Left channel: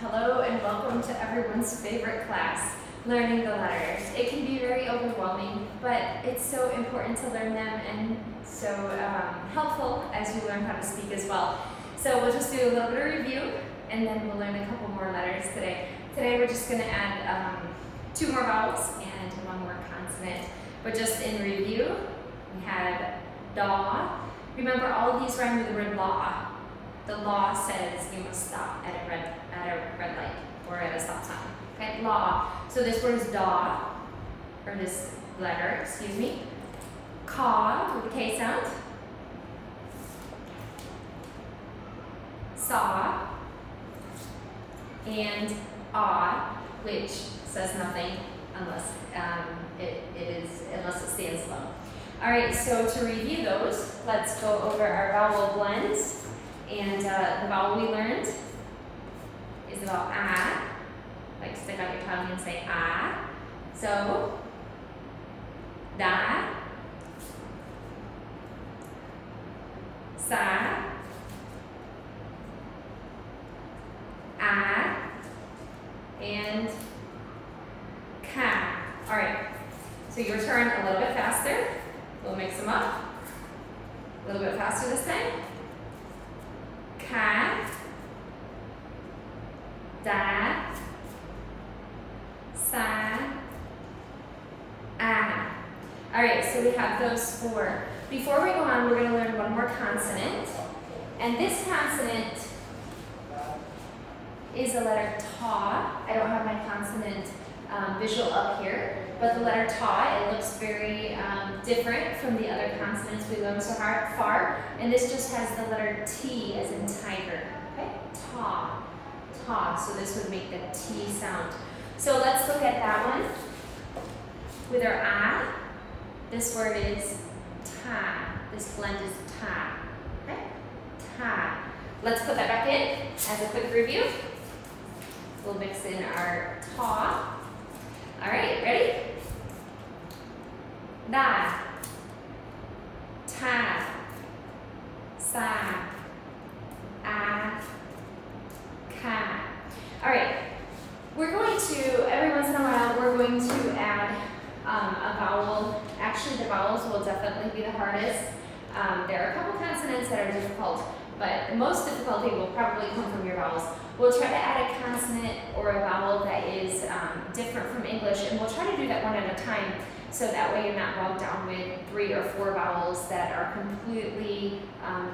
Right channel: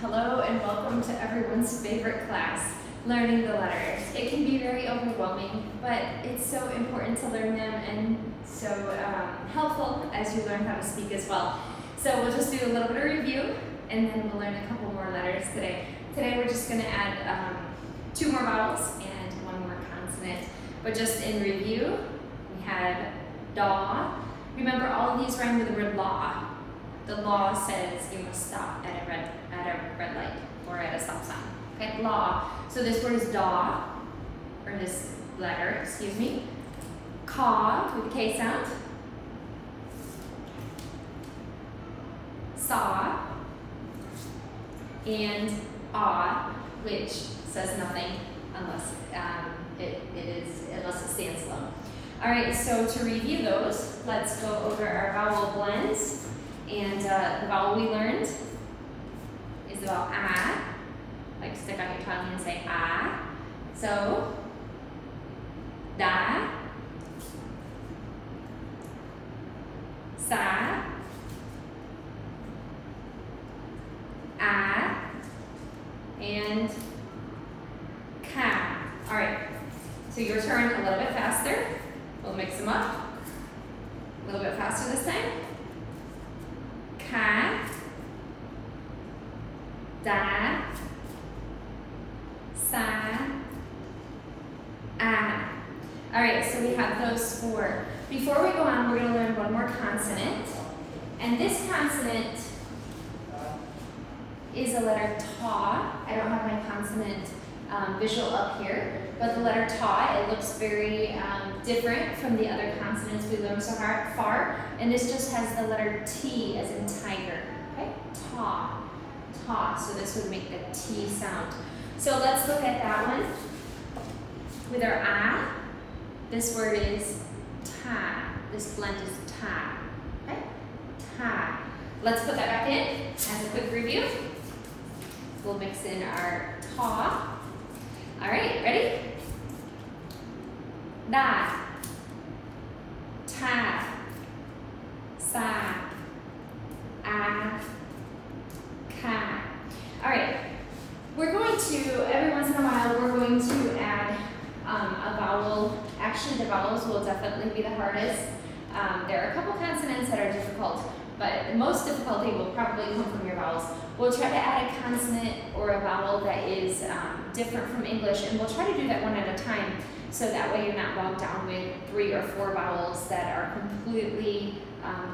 Hello and welcome to everyone's favorite class, learning the letters. It can be very overwhelming, but it's so important to learn them and so helpful as you learn how to speak as well. So we'll just do a little bit of review and then we'll learn a couple more letters today. Today we're just going to add 2 more vowels and 1 more consonant. But just in review, we had daw. Remember, all of these rhyme with the word law. The law says you must stop at a red light or at a stop sign. Okay, law. So this word is daw, or this letter, excuse me. Caw with the K sound. Saw. And ah, which says nothing unless unless it stands alone. All right, so to review those, let's go over our vowel blends. And the vowel we learned is the vowel ah. Like stick out your tongue and say ah. So da, sa, ah, and ka. All right, so your turn, a little bit faster. We'll mix them up. A little bit faster this time. Ka, da, sa, ah. All right, so we have those 4. Before we go on, we're going to learn 1 more consonant. And this consonant is the letter ta. I don't have my consonant visual up here, but the letter ta, it looks very different from the other consonants we learned so far. And this just has the letter T as in tiger. Okay, ta, ta. So this would make the T sound. So let's look at that one. With our ah, this word is ta. This blend is ta. Okay, ta. Let's put that back in as a quick review. We'll mix in our ta. All right, ready? Da, ta, sa, ah, ka. All right, we're going to, every once in a while, we're going to add a vowel. Actually, the vowels will definitely be the hardest. There are a couple consonants that are difficult, but the most difficulty will probably come from your vowels. We'll try to add a consonant or a vowel that is different from English, and we'll try to do that one at a time, so that way you're not bogged down with 3 or 4 vowels that are completely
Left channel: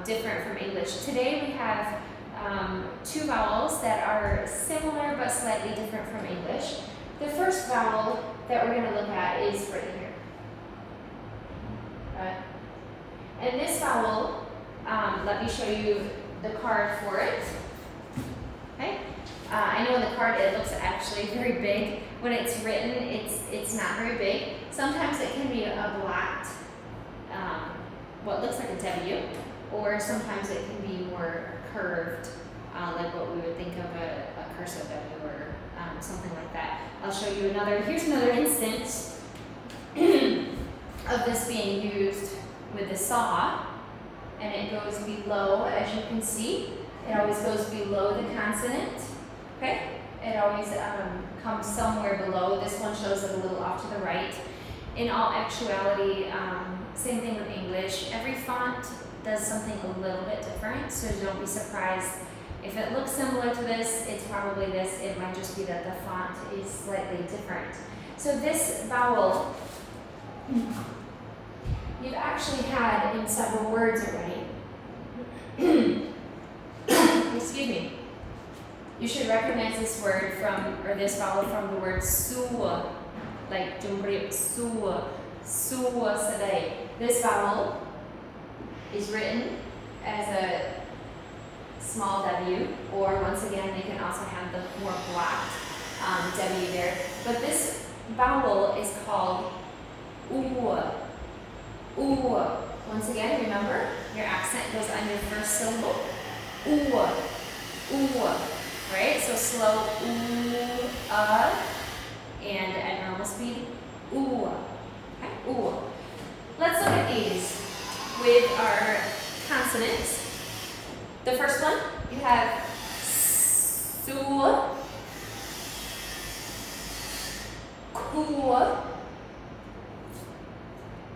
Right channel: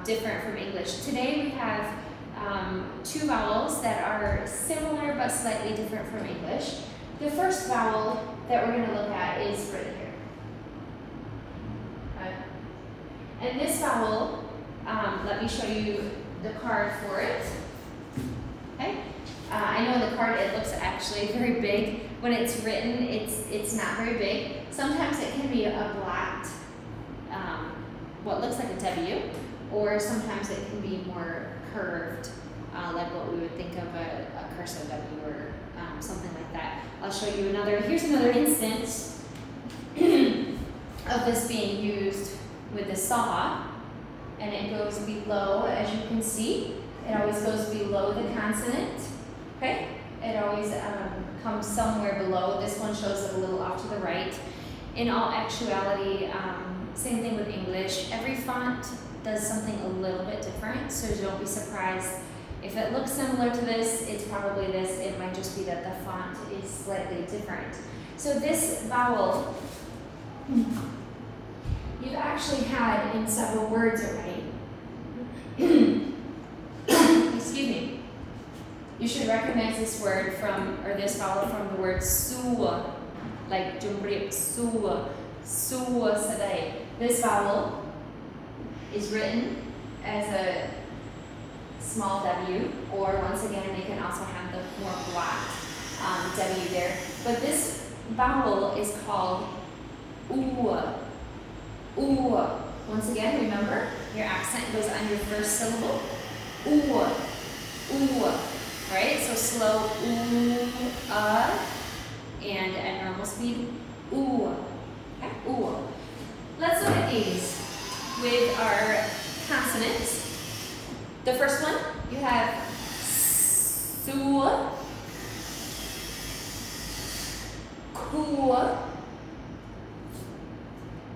different from English. Today we have 2 vowels that are similar but slightly different from English. The first vowel that we're going to look at is right here. And this vowel, let me show you the card for it. Okay, I know on the card it looks actually very big. When it's written, it's not very big. Sometimes it can be a blocked, what looks like a W, or sometimes it can be more curved, like what we would think of a cursive W or something like that. I'll show you another. Here's another instance of this being used with the saw, and it goes below, as you can see. It always goes below the consonant, okay? It always comes somewhere below. This one shows it a little off to the right. In all actuality, same thing with English. Every font does something a little bit different, so don't be surprised. If it looks similar to this, it's probably this. It might just be that the font is slightly different. So this vowel, you've actually had in several words already. Excuse me. You should recognize this word from, or this vowel from the word su, like jumbrip, su, su saday. This vowel is written as a small W, or once again, they can also have the more blocked W there. But this vowel is called oo. Ooh. Once again, remember, your accent goes on your first syllable. Ooh. Ooh. All right, so slow ooh, and at normal speed, ooh. Okay, ooh. Let's look at these with our consonants. The first one, you have Su. Ku.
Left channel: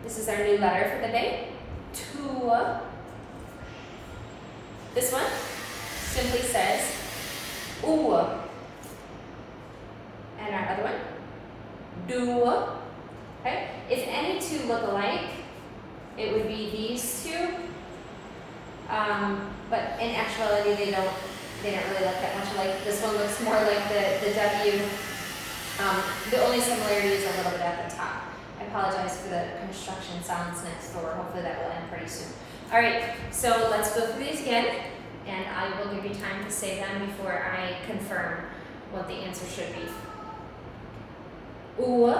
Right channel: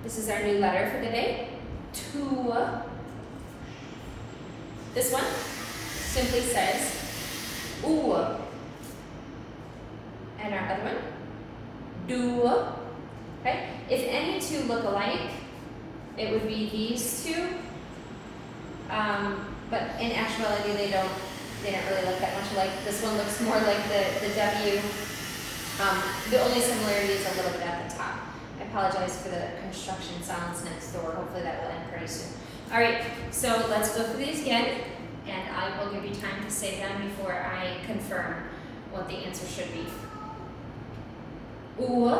This is our new letter for the day. Tu. This one simply says U. And our other one, Du. Okay? If any two look alike, it would be these two. But in actuality, they don't really look that much alike. This one looks more like the W. The only similarity is a little bit at the top. I apologize for the construction sounds next door. Hopefully that will end pretty soon. All right, so let's go through these again, and I will give you time to say them before I confirm what the answer should be. U,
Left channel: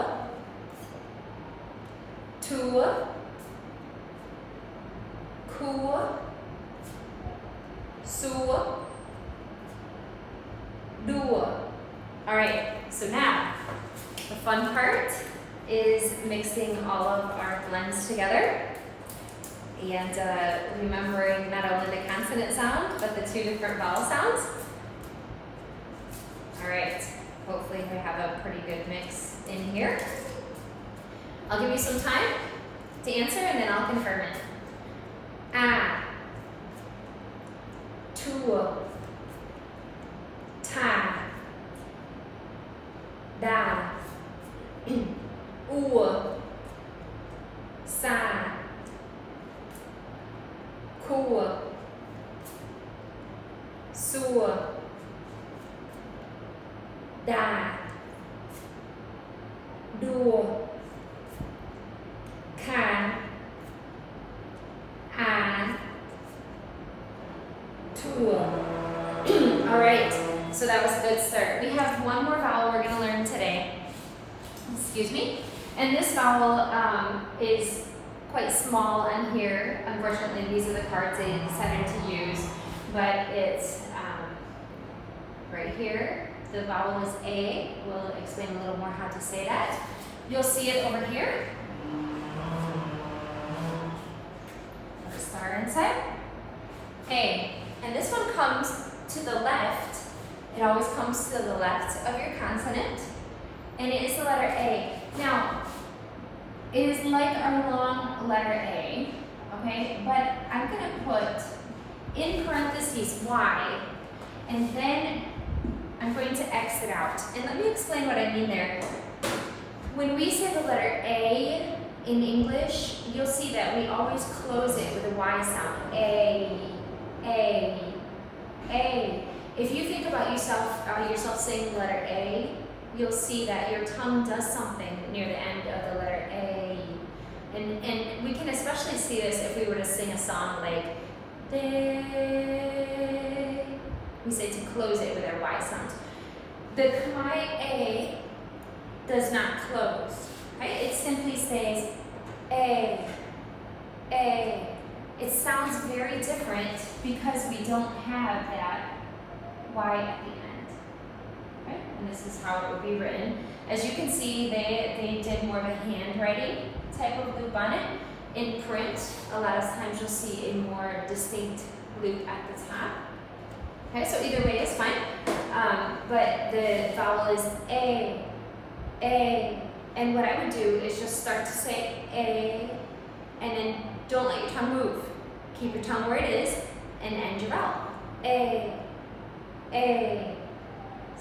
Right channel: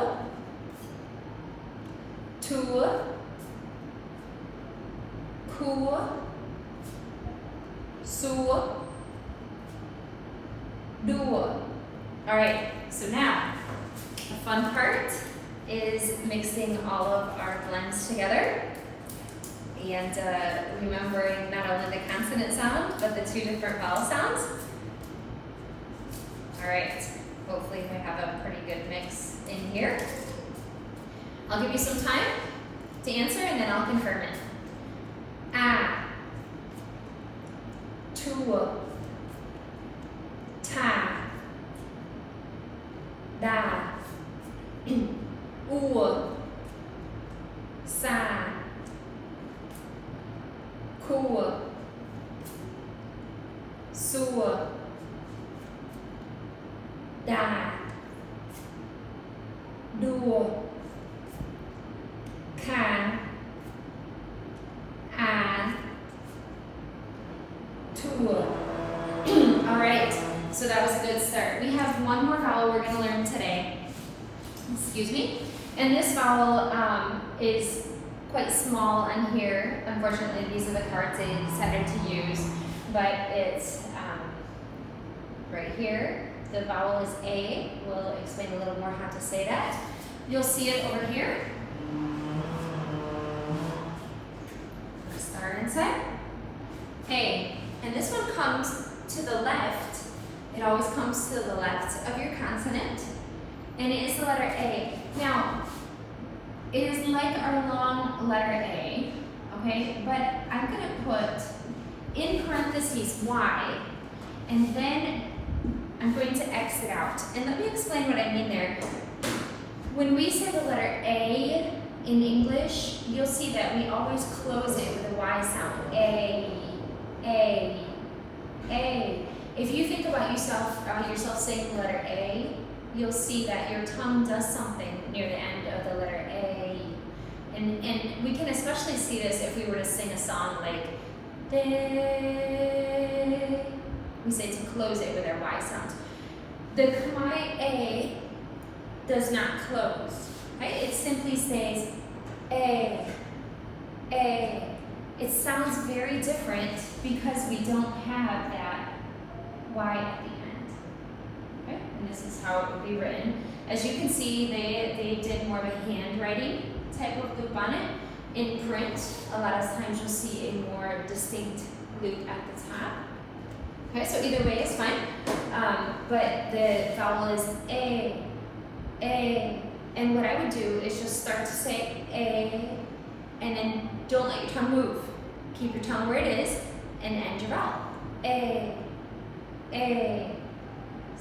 Tu, Ku, Su, Du. All right, so now the fun part is mixing all of our blends together and remembering not only the consonant sound, but the two different vowel sounds. All right, hopefully we have a pretty good mix in here. I'll give you some time to answer and then I'll confirm it. A, Tu, Ta, Da, U, Sa, Ku, Su, Da, Du, Ka, A, Tu. All right, so that was a good start. We have one more vowel we're going to learn today. Excuse me. And this vowel is quite small on here. Unfortunately, these are the cards they decided to use, but it's right here. The vowel is A. We'll explain a little more how to say that. You'll see it over here. Put a star inside. A. And this one comes to the left. It always comes to the left of your consonant. And it is the letter A. Now, it is like our long letter A, okay? But I'm going to put in parentheses Y, and then I'm going to X it out. And let me explain what I mean there. When we say the letter A in English, you'll see that we always close it with a Y sound. A, A, A. If you think about yourself saying the letter A, you'll see that your tongue does something near the end of the letter A. And we can especially see this if we were to sing a song like they. We say to close it with our Y sound. The Khmer A does not close, right? It simply says A, A. It sounds very different because we don't have that Y at the end. Okay? And this is how it would be written. As you can see, they did more of a handwriting type of loop on it. In print, a lot of times you'll see a more distinct loop at the top. Okay, so either way is fine. But the vowel is A, A. And what I would do is just start to say A, and then don't let your tongue move. Keep your tongue where it is, and end your vowel. A, A.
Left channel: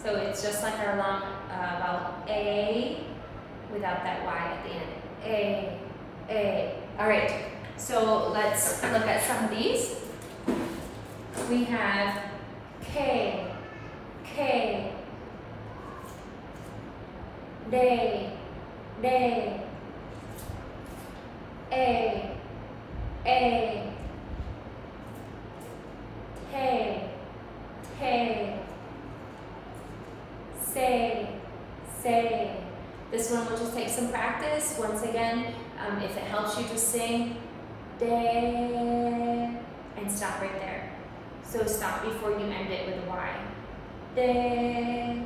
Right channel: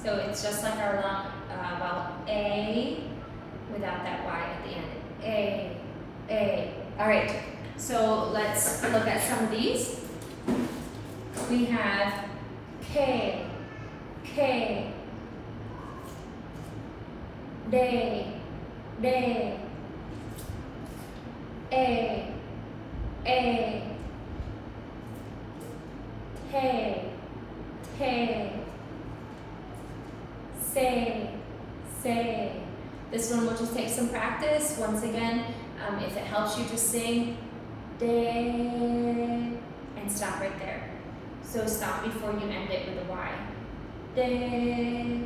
So it's just like our long vowel A without that Y at the end. A, A. All right, so let's look at some of these. We have K, K, day, day, A, tay, tay, say. This one will just take some practice. Once again, if it helps you, just sing day and stop right there. So stop before you end it with a Y. Day,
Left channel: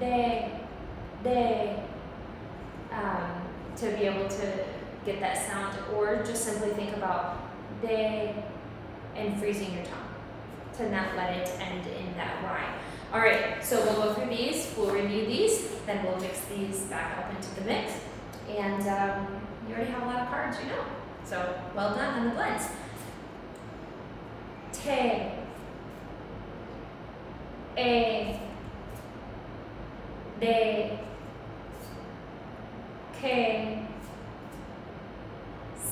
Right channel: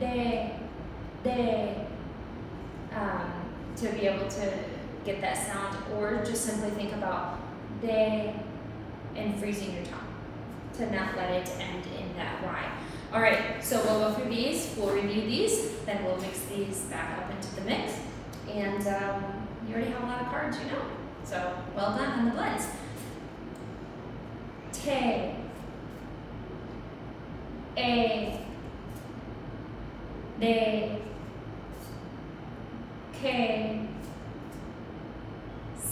day, day. To be able to get that sound, or just simply think about day and freezing your tongue to not let it end in that Y. All right, so we'll go through these, we'll review these, then we'll mix these back up into the mix. And you already have a lot of cards, you know. So well done on the blends. Te, a, de, ke,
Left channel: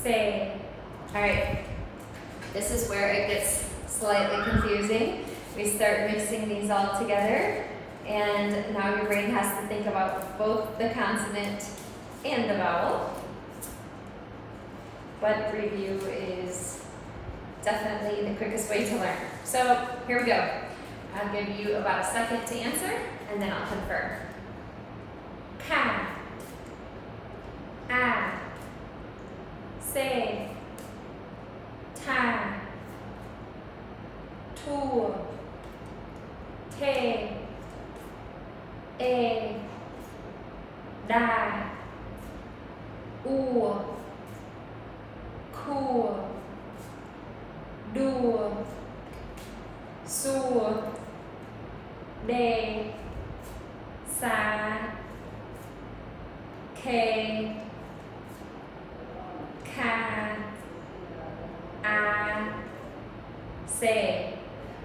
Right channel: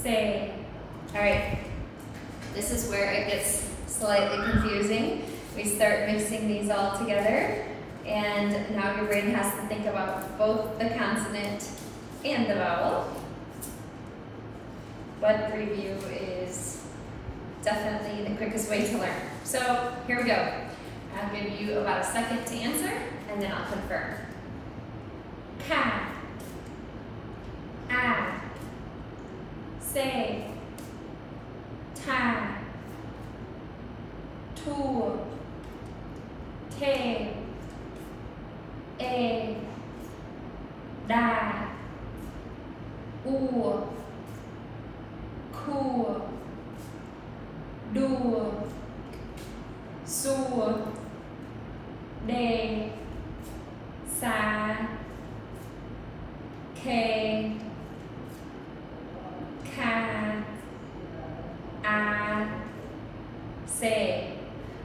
se. All right, this is where it gets slightly confusing. We start mixing these all together, and now your brain has to think about both the consonant and the vowel. But review is definitely the quickest way to learn. So here we go. I'll give you about a second to answer, and then I'll confirm. Ka, a, se, ta, tu, te, e, da, u, ku, du, su, de, sa, ke, ka, a, se.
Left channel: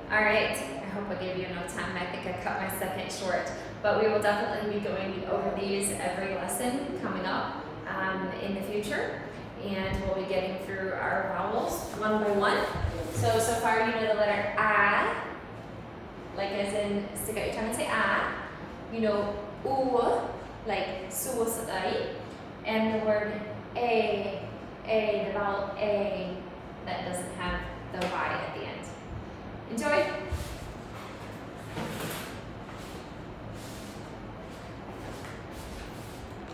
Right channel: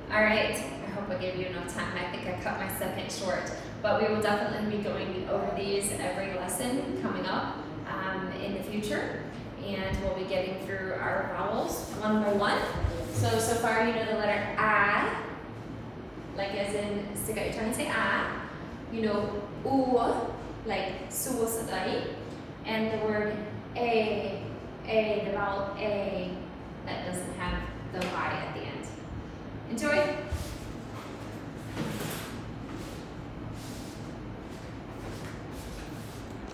All right, I hope I gave you enough time. I think I cut my second short, but we will definitely be going over these every lesson coming up in the future, and we'll be getting through our vowels one by one. So far you know the letter A, like as in stick out your tongue and say A. You know U, like suicide, and the word A, the vowel A, that doesn't have the Y at the end. Enjoy!